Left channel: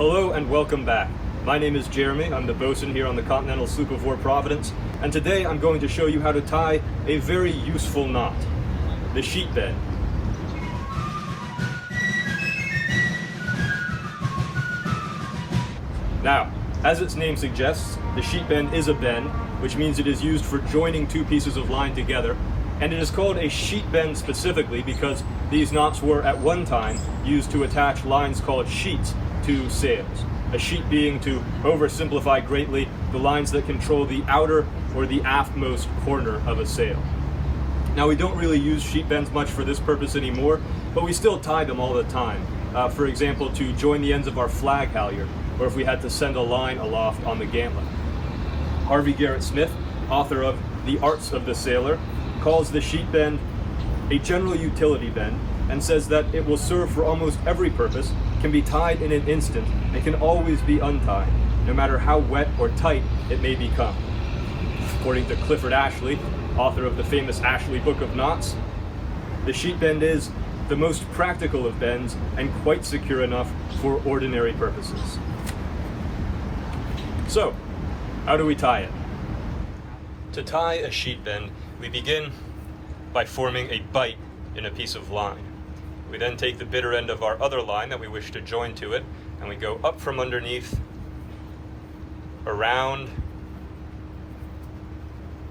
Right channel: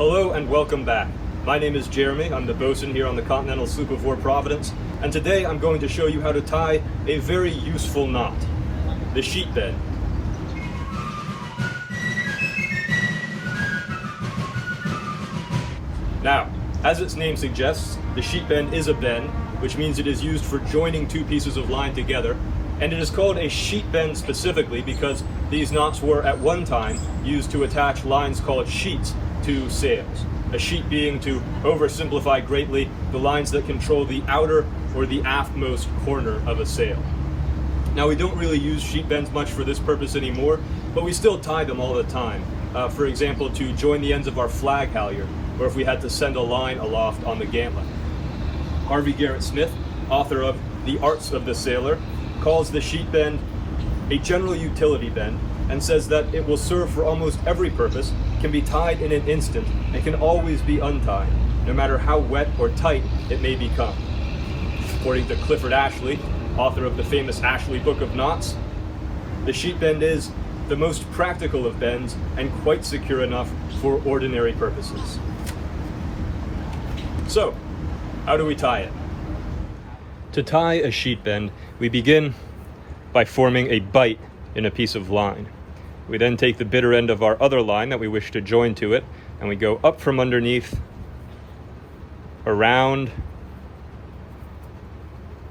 Hello and welcome back. My name is Jeremy. I'm the bosun here on the continental sloop of war Providence, and today I'm going to show you how to tie a very useful knot, the sheet bend. Now, as its name suggests, the sheet bend is a bend, which means it is used for joining two pieces of line together, and it is called a sheet bend specifically because these knots were at one time used to attach lines called sheets to sails. A sheet being, to oversimplify greatly, the lines that control the outer or the aftmost corner of a sail. Now, we don't really use sheet bends much for this purpose anymore, but we still tie them all the time. For example, to join the ends of our flag halyard, or if we had to send a line aloft on the gantlet. Harvey Garrett Smith, author of The Arts of the Sailor, calls the sheet bend a general utility bend and says that it will serve for almost every purpose, can be tied in an instant, and can always be untied, no matter how wet or tight it may become. According to Clifford Ashley, author of the famous Ashley Book of Knots, the sheet bend is the most practical of bends and quite secure enough for ordinary purposes. So, how do we tie it? To tie a sheet bend, we begin by forming a bight in a piece of line. We then take the bitter end of our other line that we wish to join to it, and we go up from underneath, around,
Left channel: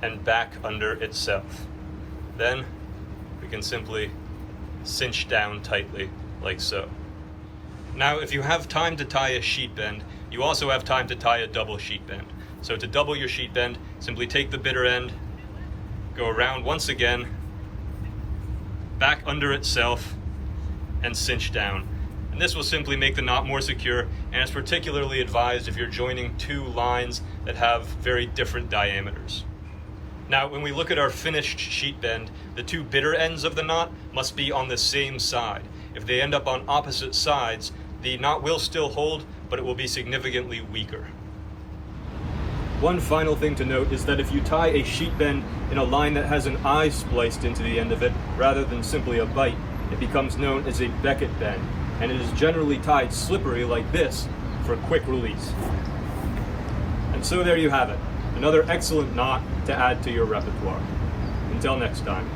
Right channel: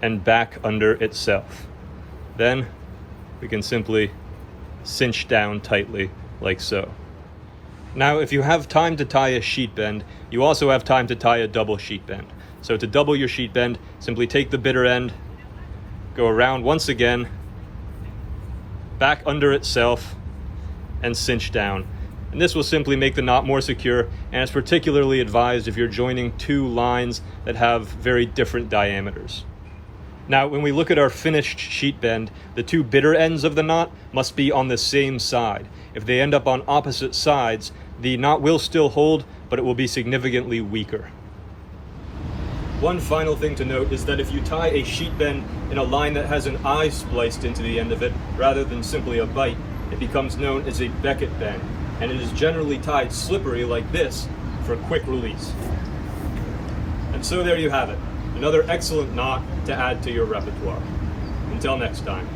and back under itself. Then we can simply cinch down tightly like so. Now, if you have time to tie a sheet bend, you also have time to tie a double sheet bend. So to double your sheet bend, simply take the bitter end, go around once again, back under itself, and cinch down. And this will simply make the knot more secure, and it's particularly advised if you're joining two lines that have very different diameters. Now, when we look at our finished sheet bend, the two bitter ends of the knot must be on the same side. If they end up on opposite sides, the knot will still hold, but it will be significantly weaker. One final thing to note is that if you tie a sheet bend in a line that has an eye spliced into the end of it, rather than simply a bight, it becomes known as a Beckett bend, and it is generally tied slippery like this for quick release. And so there you have it, another excellent knot to add to your repertoire. Until next time.